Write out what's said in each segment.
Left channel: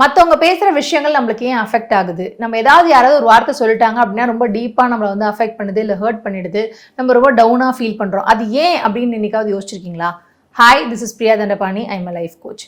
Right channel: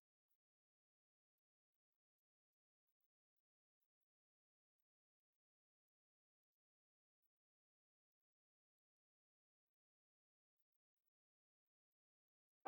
மத்தவங்க பேசுற விஷயங்கள் நம்மளுக்கு ஏன் அஃபெக்ட் ஆகுது? நம்ம யாராவது ஒரு வார்த்தை சொல்லிட்டாங்க அப்படின்னா, ரொம்ப டீப்பா நம்மள வந்து அஃபெக்ட் பண்ணுது, இல்ல ஹர்ட் பண்ணிடுது. நம்ம ரொம்ப டவுனா ஃபீல் பண்றோம். அது ஏன் அப்படின்னு என்னைக்காவது யோசிச்சிருக்கீங்களா? Hi, this is Priya Dhandapani. I am a life coach.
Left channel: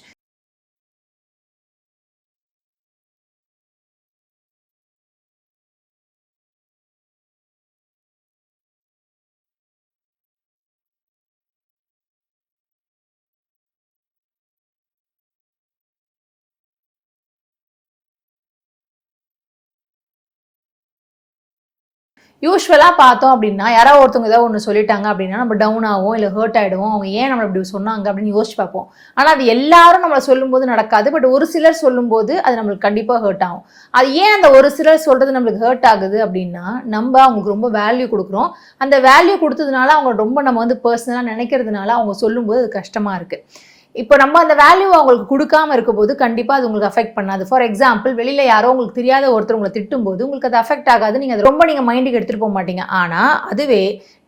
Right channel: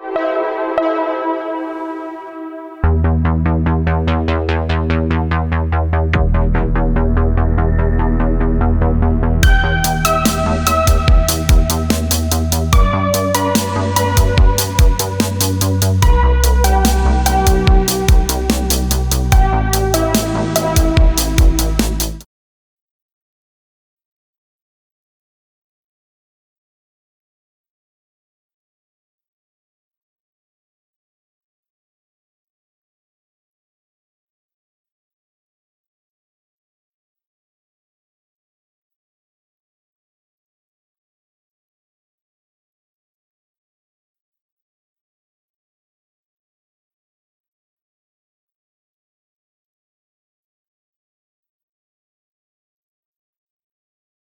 யூசுவலா பார்த்தோம் அப்படின்னா, யாராவது ஒருத்தவங்க ஏதாவது ஒண்ணு சொல்லிட்டாங்க அப்படின்னா, நம்ம டவுன் ஆவோம், இல்ல ஹர்ட் ஆயிடுவோம். அவங்க ஏன் நம்மள இப்படி சொன்னாங்க அப்படின்னு யோசிச்சு பார்ப்போம். ஆனா அது எல்லாரும் நம்மள சொல்லும்போது நடக்காது. பட் ஒரு சிலர் சொல்லும்போது அது நம்மளுக்கு கண்டிப்பா ஹர்ட் ஆகும். அது ஏன் அந்த ஒரு சிலர் சொல்றது நம்மளுக்கு ஹர்ட் ஆகுது அப்படின்னா, நம்ம அவங்களுக்கு ரொம்ப வேல்யூ குடுக்குறோம். அந்த வேல்யூ குடுத்ததுனால அவங்க ரொம்ப நம்ம வந்து பெர்சனலா நினைக்கிறதுனால அவங்க சொல்லும்போது அது கஷ்டமா இருக்கு. இப்போ நம்ம அந்த வேல்யூ அவங்களுக்கு கொடுக்காம இருக்கும்போது கண்டிப்பா அது உங்களுக்கு அஃபெக்ட் பண்ணாது. ஃபார் எக்ஸாம்பிள், வெளியில யாரோ உங்களுக்கு தெரியாத ஒருத்தர் உங்களை திட்டும்போது உங்களுக்கு அது அஃபெக்ட் ஆகாது. நீங்க அது ரொம்ப மைண்டுக்கு எடுத்துட்டு போக மாட்டீங்க. ஆனா அதுவே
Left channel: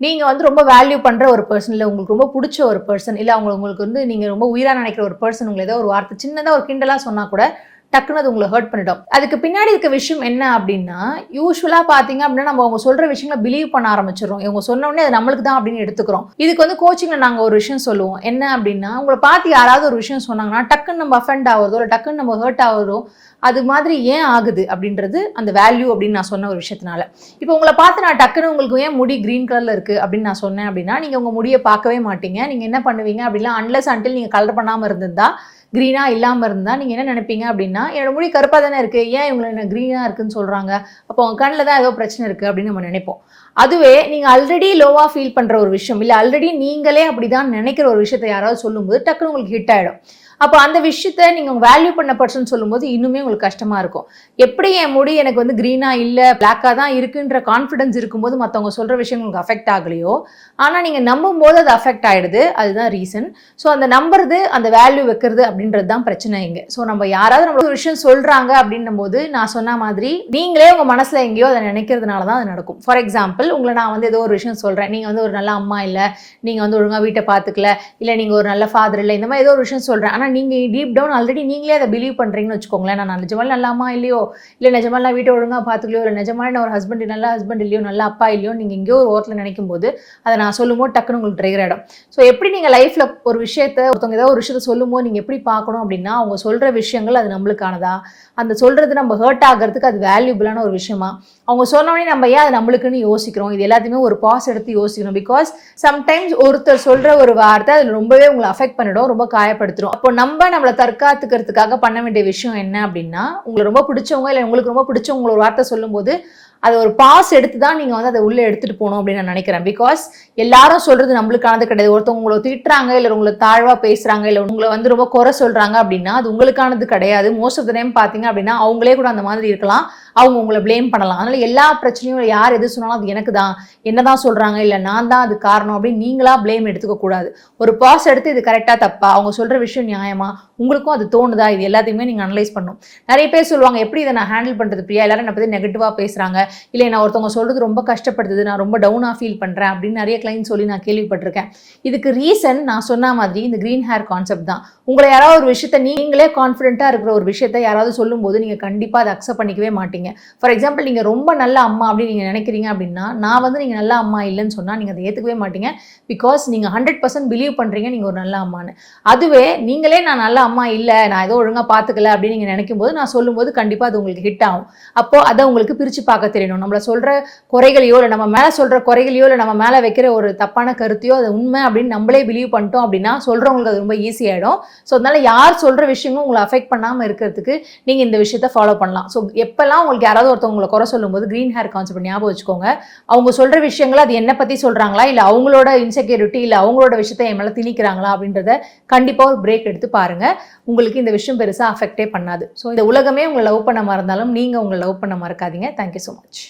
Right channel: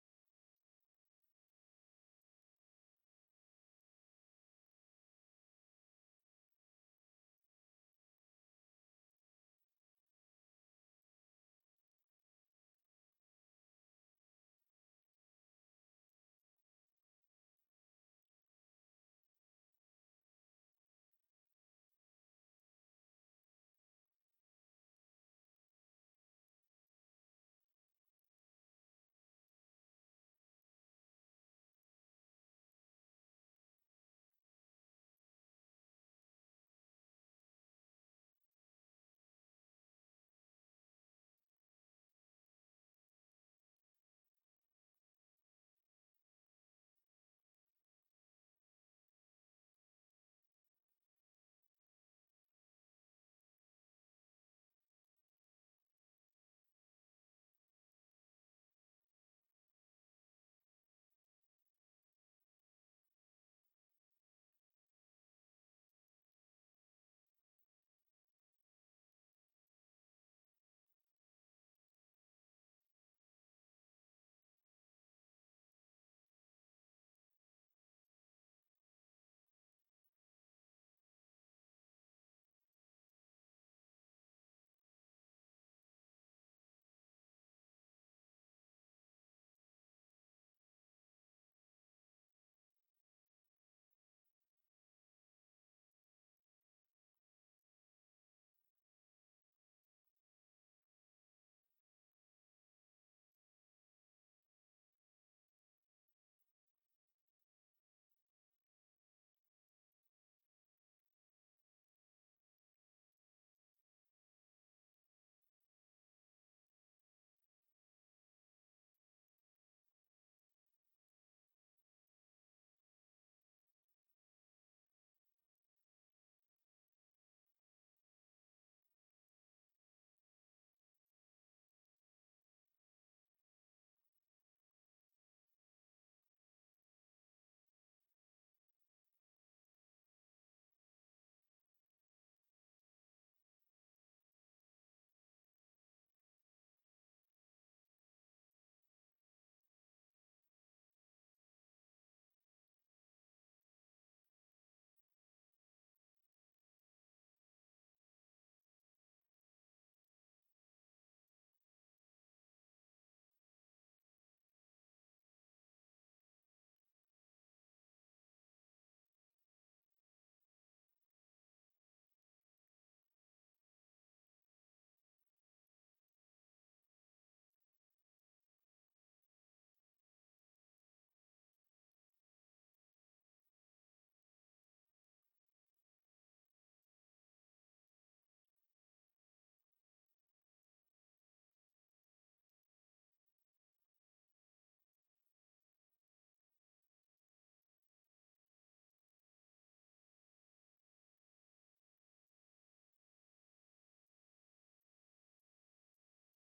நீங்க வந்து ரொம்ப வேல்யூ பண்ற ஒரு பர்சன், இல்ல உங்களுக்கு ரொம்ப பிடிச்ச ஒரு பர்சன், இல்ல உங்களுக்கு வந்து நீங்க ரொம்ப உயிரா நினைக்கிற ஒரு பர்சன் உங்களை ஏதோ ஒரு வார்த்தை சின்னதா ஒரு கிண்டலா சொன்னா கூட டக்குன்னு அது உங்களை ஹர்ட் பண்ணிடும். அதுக்கு பின்னாடி இருக்க விஷயம் என்ன அப்படின்னா, யூசுவலா பாத்தீங்க அப்படின்னா நம்ம அவங்க சொல்ற விஷயங்களை பிலீவ் பண்ண ஆரம்பிச்சிடறோம். இவங்க சொன்ன உடனே அது நம்மளுக்கு தான் அப்படின்னு எடுத்துக்கிறோம். இதுக்கு வந்து கோச்சிங்ல நாங்க ஒரு விஷயம் சொல்லுவோம். என்ன அப்படின்னா, உங்களை பார்த்து யாராவது ஒரு விஷயம் சொன்னாங்கன்னா டக்குன்னு நம்ம அஃபெண்ட் ஆகுறதோ, இல்லை டக்குன்னு நம்ம ஹர்ட் ஆகுறதோ, அது மாதிரி ஏன் ஆகுது அப்படின்றது அந்த வேல்யூ அப்படின்னு நான் சொன்ன ஒரு விஷயத்தினால. இப்போ உங்களை பார்த்து நான் டக்குன்னு உங்களுக்கு ஏன் முடி கிரீன் கலர்ல இருக்கு அப்படின்னு நான் சொன்னேன் அப்படின்னா, நீங்க உங்க முடியை பார்க்கவே மாட்டீங்க. நீங்க என்ன பண்ணுவீங்க அப்படின்னா, அன்லெஸ் அன்டில் நீங்க கலர் பண்ணாம இருந்திருந்தா, கிரீனா இல்லாம இருந்தா நீங்க என்ன நினைப்பீங்க அப்படின்னா, என்னோட முடி கருப்பா தானே இருக்கு, ஏன் இவங்க என்ன கிரீனா இருக்குன்னு சொல்றாங்க, அப்போ அவங்க கண்ணில் தான் ஏதோ பிரச்சனை இருக்கு அப்படின்னு நம்ம நினைப்போம். அதுவே நீங்க ஆல்ரெடி லோவா ஃபீல் பண்ற ஒரு விஷயம், இல்ல ஆல்ரெடி நீங்களே அப்படிதான் நினைக்கிற ஒரு விஷயத்தை யாராவது சொல்லும்போது டக்குன்னு உங்களுக்கு ஹிட் ஆயிடும். அப்போ அந்த விஷயத்த நீங்க வேல்யூ பண்ண பர்சன் சொல்லும்போது இன்னுமே உங்களுக்கு கஷ்டமா இருக்கும். எப்படி என் முடி எனக்கு வந்து கிரீனா இல்ல பிளாக்கா தான் இருக்குன்ற கான்ஃபிடன்ஸ் இருக்கும்போது மற்றவங்க சொல்ற விஷயம் உங்களுக்கு அஃபெக்ட் ஆகலையோ, ஆனா நீங்க நம்பும் போது அது அஃபெக்ட் ஆயிடுது. அதுதான் ரீசன். ஸோ அந்த நம்புறது, அந்த வேல்யூ வைக்கிறது அப்படின்றது தான் பிரச்சனை இங்க. ஸோ நம்ம யாராவது நம்ம ஒரு விஷயம் சொல்றாங்க அப்படின்னும் போது நான் சொன்ன மாதிரி நீங்களே உங்க மனசுல எங்கேயோ அதை நினைக்கிறதுனால தான் அது நடக்கும். ஃபார் எக்ஸாம்பிள், உங்களை நான் வந்து ஏதோ ஒரு விஷயம் சொல்றேன், நீங்க வந்து ஒரு நல்ல அம்மா இல்ல, நீங்க வந்து ஒழுங்கா வீட்டை பார்த்துக்கல, இல்ல நீங்க ஒரு நல்ல ஃபாதர் இல்லை, இந்த மாதிரி ஏதோ ஒரு விஷயம் சொல்றேன். ஆனா நீங்க டீப் டவுன் ஆல்ரெடி நீங்களே அதை பிலீவ் பண்றீங்கன்னு வச்சுக்கோங்களேன். நான் நிஜமால நல்ல அம்மா இல்லையோ, இல்ல நிஜமால நான் வீட்டை ஒழுங்கா பார்த்துக்கலையோ, இல்லை நிஜமால நான் ஒரு ஹஸ்பண்ட் நல்ல ஹஸ்பண்ட் இல்லையோ, நல்ல அப்பா இல்லையோ, நீங்க எங்கேயோ ஒரு ஓரத்தில் நினைக்கும் போது அதை நான் சொல்லும்போது டக்குன்னு உங்களுக்கு ட்ரிகர் ஆயிடும். ஸோ எப்படி நீங்க லைஃப்ல ஒரு விஷயத்த ஒருத்தவங்க ஏதோ ஒரு விஷயத்த சொல்லும்போது நீங்க எப்படி பார்க்கணும் அப்படின்னா, அவங்க சொல்ற விஷயங்கள் அது நம்மளுக்கானதா, அந்த சொல்றது நம்ம ஹர்ட் ஆகிறதுக்கு அது வேல்யூபிளான ஒரு விஷயமா, அவங்க சொன்னோடனே நம்ம ஏன் அது நம்மளுக்குன்னு யோசிக்கிறோம், இது எல்லாத்தையுமே ஒரு பாஸ் எடுத்து யோசிக்கணும். பிகாஸ் சம்டைம்ஸ் ஒருத்தர் சொல்ற ஒரு வார்த்தை அது ரொம்பவே உங்களை அஃபெக்ட் பண்ணிடும், ரொம்ப காயப்படுத்துரும். அப்போ நம்மளை தற்காத்துக்கிறதுக்காக பண்ண வேண்டிய விஷயம் என்ன அப்படின்னா, உங்களுக்கு ரொம்ப பிடிச்சவங்க இல்லை உங்களுக்கு ரொம்ப பிடிச்சவங்க ஒரு வார்த்தை சொல்லும்போது அது ஒரு பாஸ் எடுத்து தான் நீங்கள் வந்து அதை உள்ளே எடுத்துகிட்டு போகணும் அப்படின்னு நான் நினைக்கிறேன். பிகாஸ் எல்லாரும் சொல்கிறது நம்மளுக்கானது கிடையாது. ஒருத்தவங்க உங்களை திட்டுறாங்க, இல்லை உங்களை தாழ்வாக பேசுகிறாங்க, இல்லை உங்களை வந்து ரொம்ப குறை சொல்கிறாங்க அப்படின்னா அது உங்களுக்கானது கிடையாது. மோஸ்ட் ஆஃப் த டைம் பார்த்தீங்க அப்படின்னா அவங்களே கூட அந்த மாதிரி இருக்கலாம், அவங்க உங்களை பிளேம் பண்ணலாம். அதனால் எல்லா பிரச்சனையும் யார் எது சொன்னாலும் அது எனக்கு தான், என்னதான் சொல்கிறாங்க, இல்லை நான் தான் அது காரணம் அப்படின்னு நீங்களா பிளேம் எடுத்துக்க கூடாது. ஒரு பாஸ் எடுத்து இது கரெக்டாக தப்பா, அவங்க சொல்கிற விஷயம் நியாயமா, உங்களுக்கும் அது தோணுதா, இது எல்லாத்தையுமே நீங்கள் அனலைஸ் பண்ணணும். நிறைய பேர் சொல்லுவாங்க, எப்படி இதை நான் ஹேண்டில் பண்ணுறது பிரியா, எல்லாரும் என்னை பற்றி நெகட்டிவாக பேசுகிறாங்க, இல்லை நான் ஒருத்தவங்க சொல்கிறது ரொம்ப கஷ்டப்படுது, நான் ரொம்ப டவுனாக ஃபீல் பண்ணுறேன் அப்படின்னு நிறைய கிளைண்ட் சொல்லி நான் கேள்விப்பட்டிருக்கேன். இதுக்கு ரீசன் நான் சொன்ன மாதிரி இந்த க்ரீன் ஹேர் கான்செப்ட் தான். உங்களை யாராவது ஒரு விஷயத்த நீங்களே கான்ஃபிடென்ட்டாக இருக்கிற ஒரு விஷயத்த யாராவது சொல்லும்போது நீங்கள் கண்டிப்பாக அதை அக்செப்ட் பண்ணிக்கவே மாட்டீங்க. ஃபார் எக்ஸாம்பிள், நீங்கள் ரொம்ப நல்ல அம்மா அப்படின்னு நீங்கள் நினைக்கிறீங்க அப்படின்னா, நான் வந்து நீங்கள் நல்ல அம்மா இல்லைன்னு சொன்னால் நீங்கள் அதை ஏற்றுக்கவே மாட்டீங்க. பிகாஸ் நீங்கள் 100% பிலீவ் பண்ணுறீங்க நீங்கள் ஒரு நல்ல அம்மான்னு. அதுவே நீங்களே நான் நல்ல அம்மா இல்லை, நான் ஏதோ ஒழுங்காக பார்த்துக்கல அப்படின்னு நீங்கள் நினைக்கும் போது நான் சொல்லும்போது கண்டிப்பாக அது உங்களுக்கு ஹிட் ஆகும். அப்போது அதை உங்களுக்கு பிரித்து பார்க்க தெரியணும். நம்மளை சொல்கிற குறைகளையோ, இல்லை நம்ம மேலே சொல்கிற குறைகளையோ, இல்லை நம்ம மேலே வைக்கிற ஒரு தப்பான கருத்தையோ அது உண்மை அப்படின்னு நம்மளே பிலீவ் பண்ணிட்டோம் அப்படின்னா சொல்கிறவங்களுக்கு அது ரொம்ப ஈஸியாகிடும். ஸோ அதனால யார் சொல்கிற விஷயங்களும் உங்களை அஃபெக்ட் பண்ணாமல் இருக்கிறதுக்கு நீங்கள் இந்த விஷயத்தை ஃபாலோ பண்ணலாம். ஸோ எப்போல்லாம் உங்களுக்கு யாராவது ஒருத்தவங்களை குறை சொல்லும்போது க்ரீன் ஹேர் கான்செப்ட் ஞாபகம் வச்சுக்கோங்க. அவங்க சொல்கிற விஷயங்கள் அது என்னை பற்றி சொல்கிறாங்களா, இல்லை அவங்களோட இன்செக்யூரிட்டி, இல்லை அவங்களோட விஷயத்தை என் மேலே திணிக்கிறாங்களா அப்படின்றத கண்டிப்பாக ஒரு பிரேக் எடுத்து பாருங்கள். உங்களுக்கு இந்த விஷயம் பெருசாக அஃபெக்டே பண்ணாது. ஸோ இந்த உலகமே உங்களை லவ் பண்ண மறந்தாலும் நீங்கள் உங்களை லவ் பண்ண மறக்காதீங்க. Thank you so much.